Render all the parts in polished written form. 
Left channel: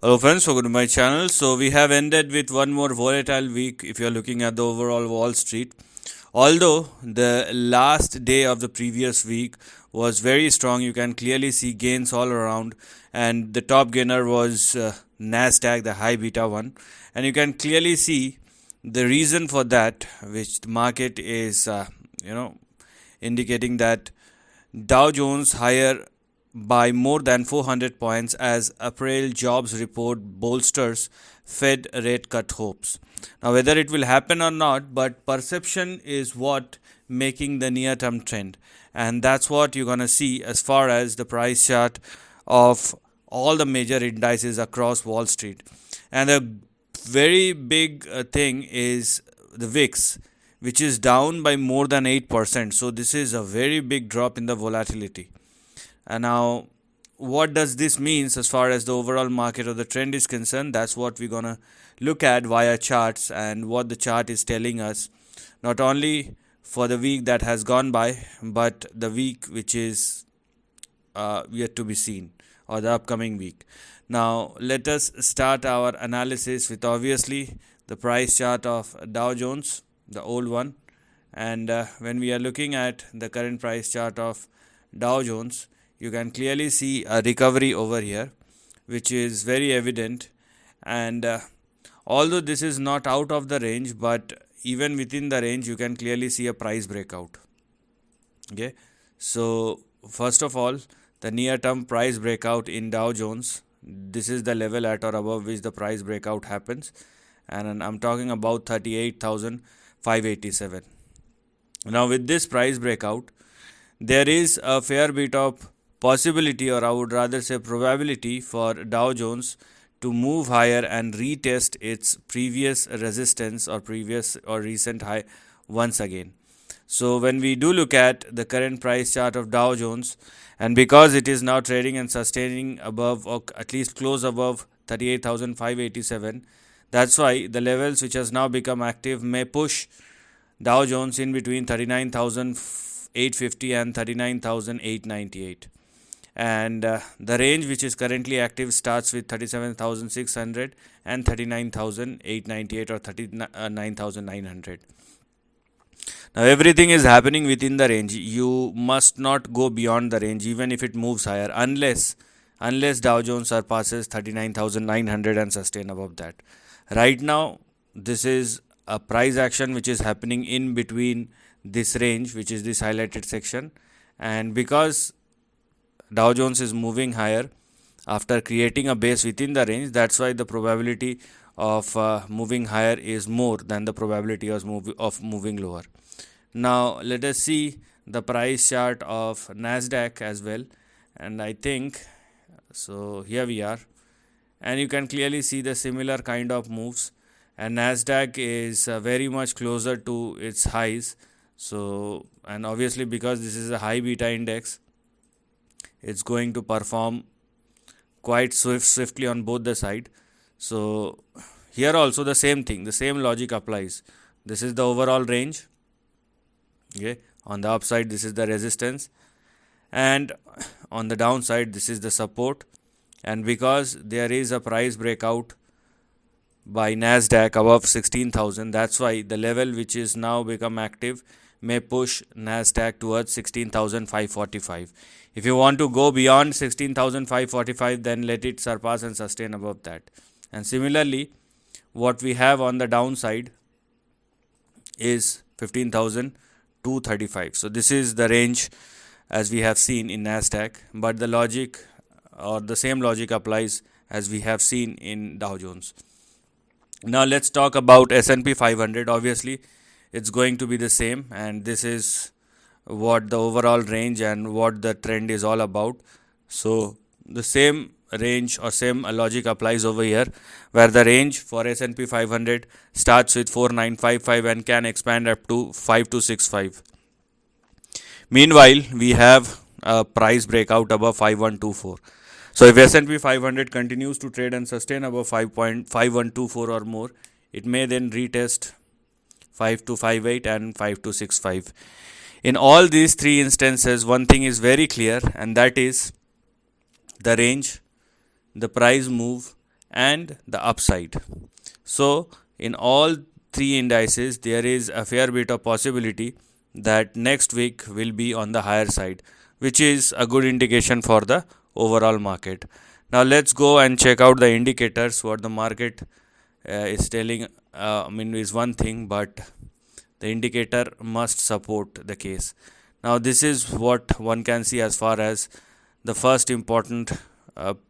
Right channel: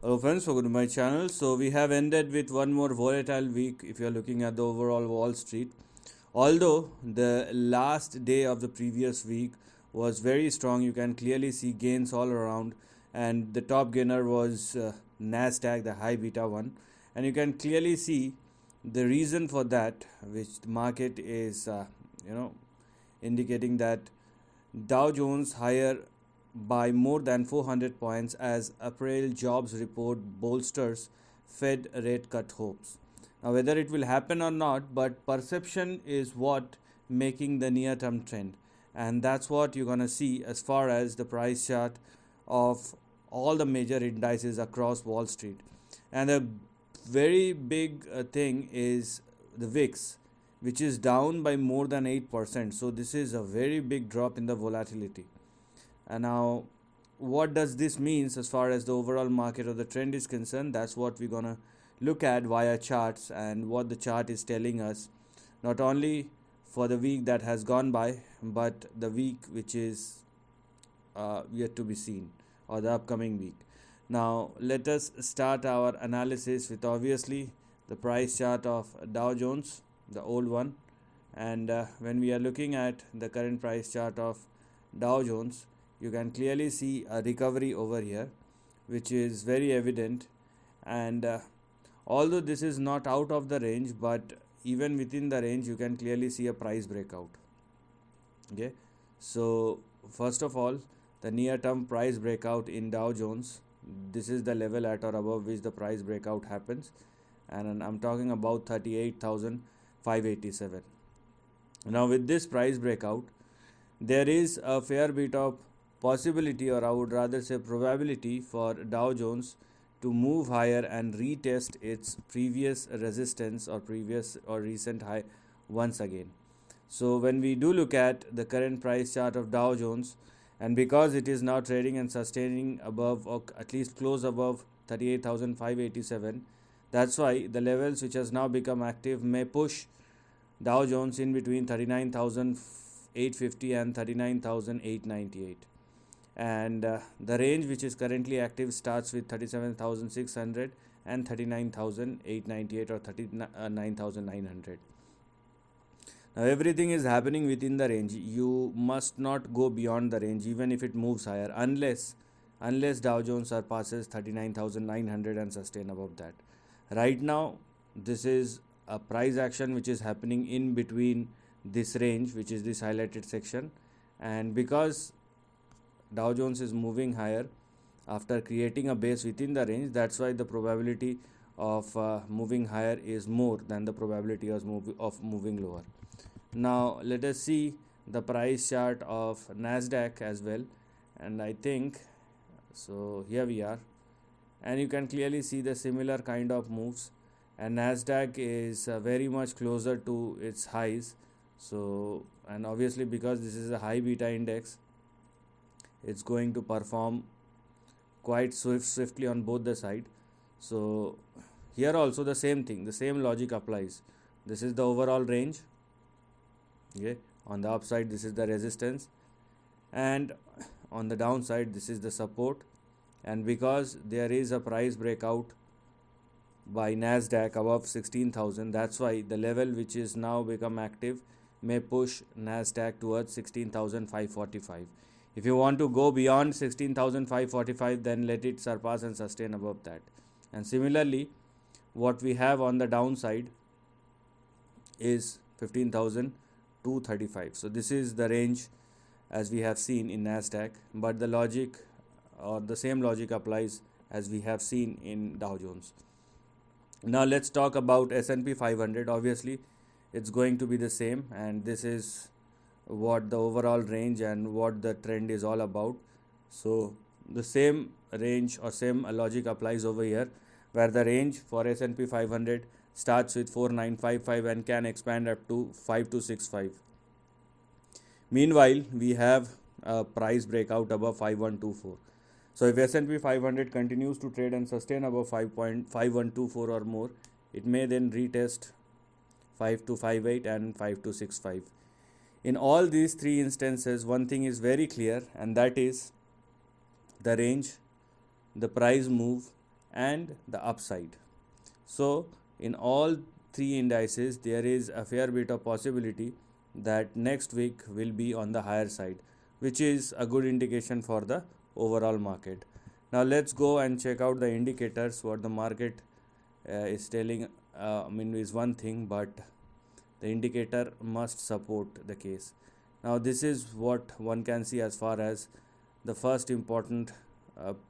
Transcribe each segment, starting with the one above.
Hello friends, welcome to my channel. So we have ended with one more volatile week if you're looking at the overall Wall Street. Although the last day of the previous week was very strong, you can clearly see gains all around, and the top gainer was NASDAQ, the high beta one, and you can clearly see the reason for that, which the market is indicating that Dow Jones higher by more than 400 points as April jobs report bolsters Fed rate cut hopes. Now, whether it will happen or not, but perception is what making the near term trend, and that's what you're going to see as far as the price chart of all the major indices across Wall Street. And a very big thing is the VIX, which is down by more than 8%. So, this is a very big drop in the volatility. And now, what does this means as far as the overall market or the trend is concerned? That's what we're gonna look at via charts and what the chart is telling us, not only for the week that has gone by, but the week which is yet to be seen, or the upcoming week. Now, let us start our analysis with obviously the price chart of Dow Jones, the old one. And when we are looking at the current price chart of Dow Jones, you can clearly see a recovery over here, which is very evident. And although this is not out of the range, but even within the range, you can clearly see a price breakout. Okay, so first of all, the near term price breakout in Dow Jones, this is the level at or above which the price breakout happens, and I'm talking about 38,587. Now, with this price breakout, there is a fair bit of possibility, or I would rather say probability, for Dow Jones to move higher and retest its previous resistance or previous or recent high once again. So when we do look at the current price chart of Dow Jones, and because it is now trading and sustaining above, or at least close above 38,587, that's why the levels which has now become active may push Dow Jones in between 39,850 and 39,898. And the range which is currently active starts with 37,600 and 39,898 or 39,900. Now, everything is happening within the range. You must not go beyond the range even if it moves higher, unless Dow Jones surpasses 39,900 and sustain above that. Right now, this is a price action which is happening in between this range, which is this highlighted section, and because Dow Jones is moving higher after creating a base within the range, that's why the probability of moving higher is more than the probability of moving lower. Now, let us see the price chart of NASDAQ as well, and I think so. Here we are, and you can clearly see the similar kind of moves, and NASDAQ is very much closer to its highs. So, and obviously because this is a high beta index, it's going to perform quite swiftly on both the side. So here also the same thing, the same logic applies. This is the overall range. Okay, on the upside this is the resistance, and on the downside this is the support. And because there is a price breakout by NASDAQ above 16,000, that's why the level which is now become active may push NASDAQ towards 16,545. If you want to go beyond 16,545, then let it surpass and sustain above that. And similarly, what we have on the downside is 15,235. So this is the range as we have seen in NASDAQ, but the logic or the same logic applies as we have seen in Dow Jones. Now let's talk about S&P 500. Obviously, it's going to be the same, and this is what the overall range and what the trend is all about. So the same range or same logic applies over here, where the range for S&P 500 starts with 4955 and can expand up to 5265. Meanwhile, we have a price breakout above 5124. So if S&P 500 continues to trade and sustain above 5.5124 or more, it may then retest 5258 and 5265. In all these three instances, one thing is very clear, and that is the range, the price move, and the upside. So in all three indices, there is a fair bit of possibility that next week will be on the higher side, which is a good indication for the overall market. Now let's go and check out the indicators. What the market is telling, is one thing, but the indicator must support the case. Now this is what one can see as far as the first important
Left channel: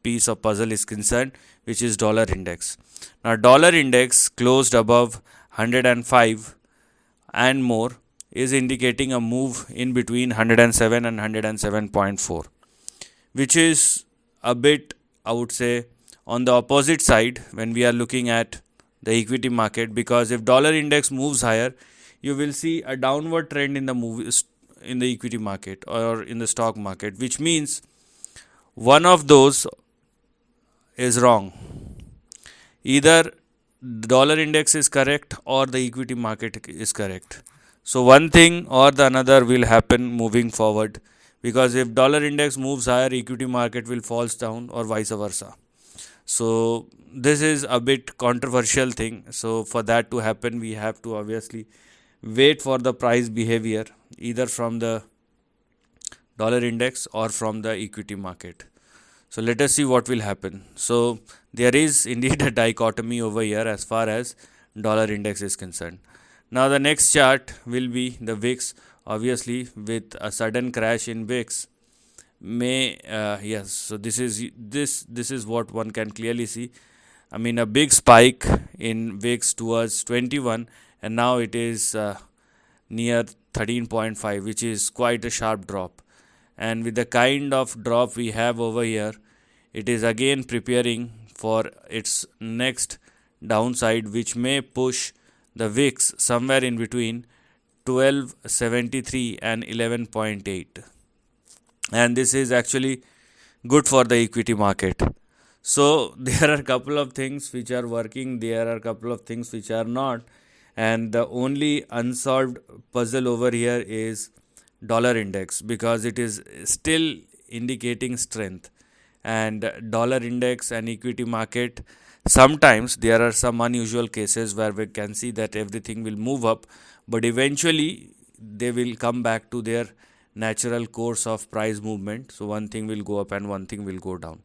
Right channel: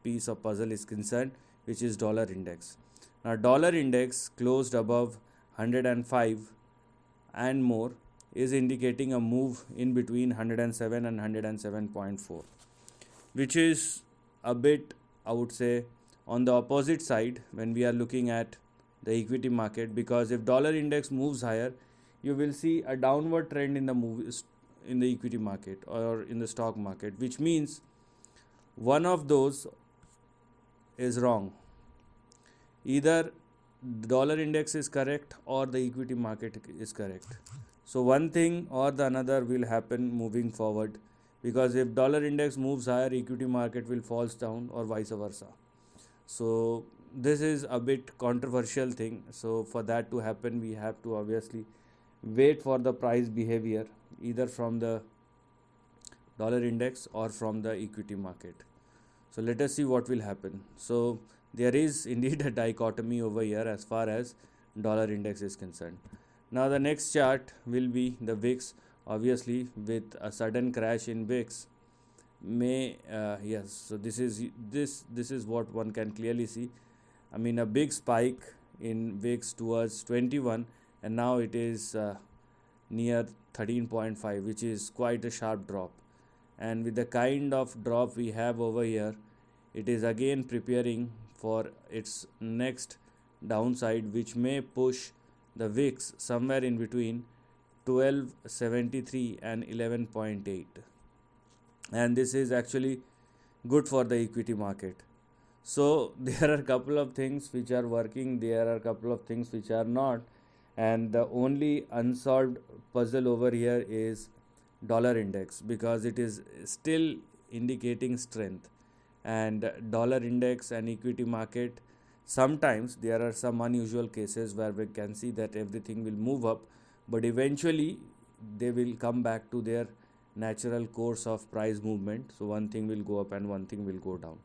piece of puzzle is concerned, which is dollar index. Now dollar index closed above 105 and more, is indicating a move in between 107 and 107.4, which is a bit, I would say, on the opposite side when we are looking at the equity market, because if dollar index moves higher, you will see a downward trend in the equity market or in the stock market, which means one of those is wrong. Either dollar index is correct or the equity market is correct. So one thing or the another will happen moving forward, because if dollar index moves higher, equity market will falls down, or vice versa. So this is a bit controversial thing. So for that to happen, we have to obviously wait for the price behavior either from the dollar index or from the equity market. So let us see what will happen. So there is indeed a dichotomy over here as far as dollar index is concerned. Now the next chart will be the VIX. Obviously, with a sudden crash in VIX, yes. So this is what one can clearly see. A big spike in VIX towards 21, and now it is near 13.5, which is quite a sharp drop. And with the kind of drop we have over here, it is again preparing for its next downside, which may push the VIX somewhere in between 1273 and 11.8. And this is actually good for the equity market. So there are a couple of things which are working, there are a couple of things which are not, and the only unsolved puzzle over here is dollar index, because it is still indicating strength. And dollar index and equity market, sometimes there are some unusual cases where we can see that everything will move up, but eventually they will come back to their natural course of price movement. So one thing will go up and one thing will go down.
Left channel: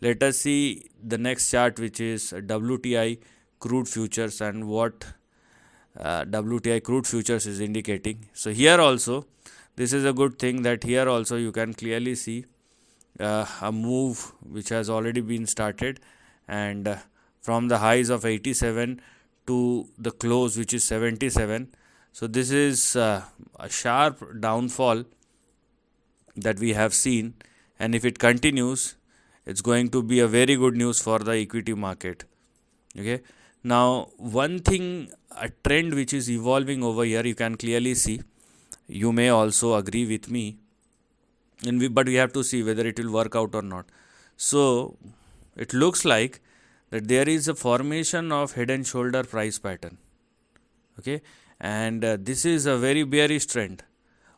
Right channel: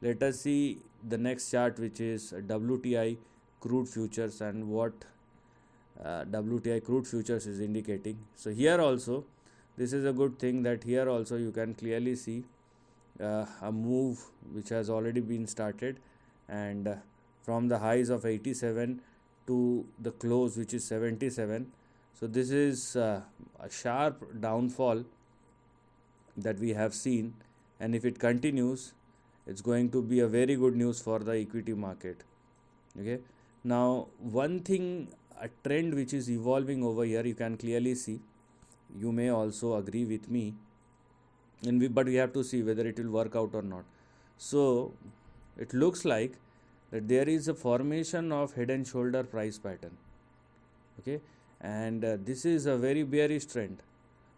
Let us see the next chart, which is WTI crude futures, and what WTI crude futures is indicating. So here also, this is a good thing that here also you can clearly see a move which has already been started, and from the highs of 87 to the close, which is 77. So this is a sharp downfall that we have seen, and if it continues, it's going to be a very good news for the equity market. Okay, now one thing, a trend which is evolving over here, you can clearly see. You may also agree with me, but we have to see whether it will work out or not. So it looks like that there is a formation of head and shoulder price pattern. Okay, and this is a very bearish trend.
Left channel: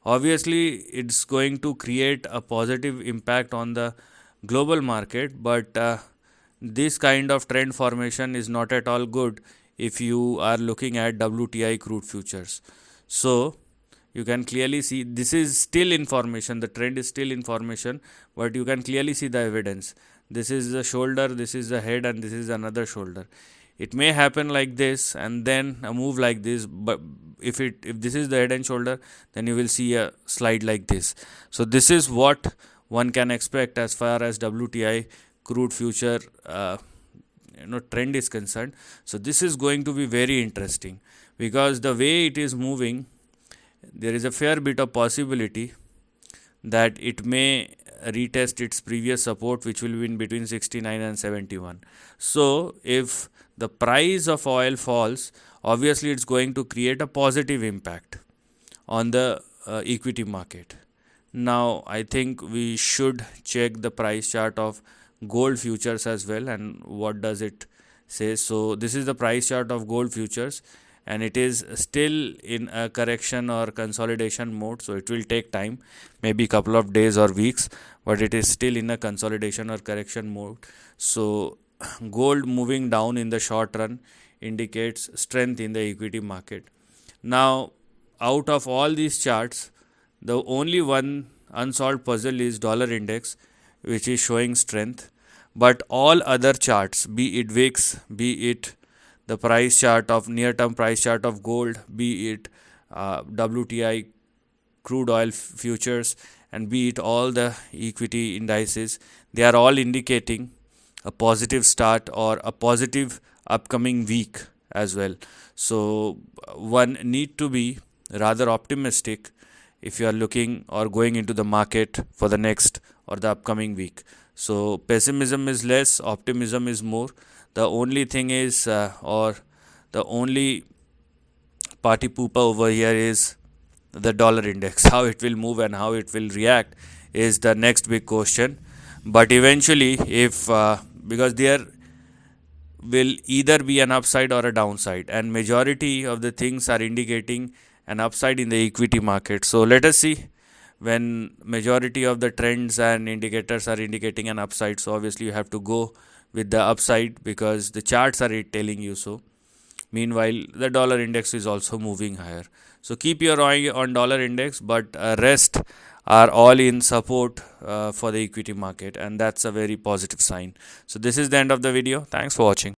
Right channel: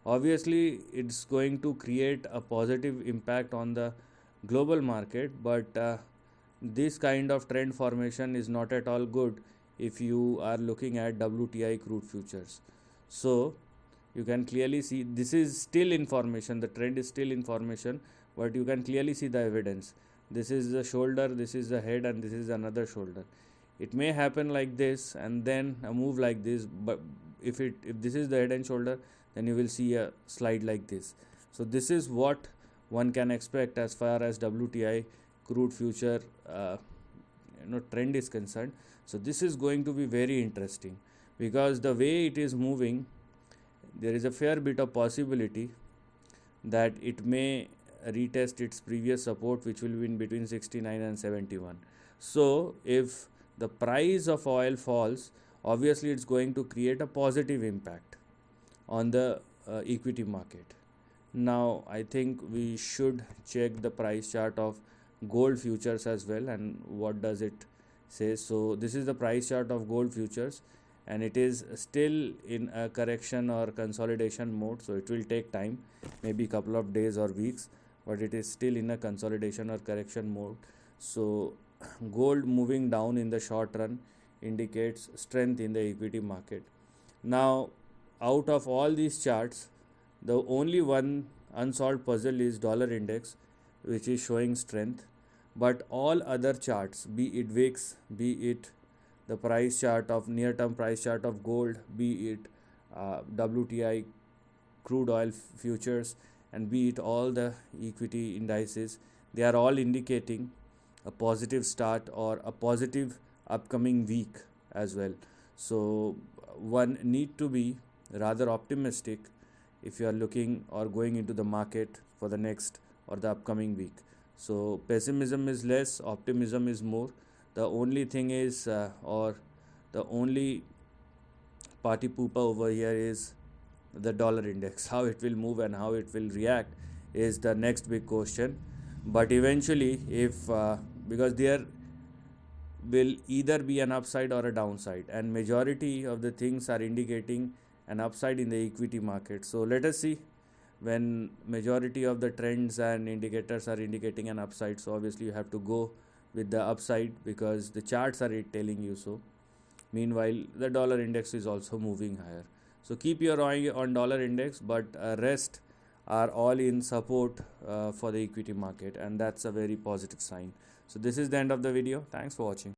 Obviously, it's going to create a positive impact on the global market, but this kind of trend formation is not at all good if you are looking at WTI crude futures. So you can clearly see this is still information, the trend is still information, but you can clearly see the evidence. This is the shoulder, this is the head, and this is another shoulder. It may happen like this and then a move like this, but if this is the head and shoulder, then you will see a slide like this. So this is what one can expect as far as WTI crude future trend is concerned. So this is going to be very interesting, because the way it is moving, there is a fair bit of possibility that it may retest its previous support, which will be in between 69 and 71. So if the price of oil falls, obviously it's going to create a positive impact on the equity market. Now I think we should check the price chart of gold futures as well, and what does it say. So this is the price chart of gold futures, and it is still in a correction or consolidation mode. So it will take time, maybe a couple of days or weeks, but it is still in a consolidation or correction mode. So gold moving down in the short run indicates strength in the equity market. Now, out of all these charts, the only one unsolved puzzle is dollar index, which is showing strength. But all other charts, be it VIX, be it the price chart of near-term price chart of gold, be it WTI crude oil futures, and be it all the equity indices, they are all indicating a positive start or a positive upcoming week as well. So one need to be rather optimistic if you are looking or going into the market for the next or the upcoming week. So pessimism is less, optimism is more. The only thing is or the only party pooper over here is the dollar index. How it will move and how it will react is the next big question. But eventually, if because there will either be an upside or a downside, and majority of the things are indicating an upside in the equity market. So let us see when majority of the trends and indicators are indicating an upside. So obviously you have to go with the upside because the charts are telling you so. Meanwhile, the dollar index is also moving higher. So keep your eye on dollar index, but rest are all in support for the equity market, and that's a very positive sign. So this is the end of the video. Thanks for watching.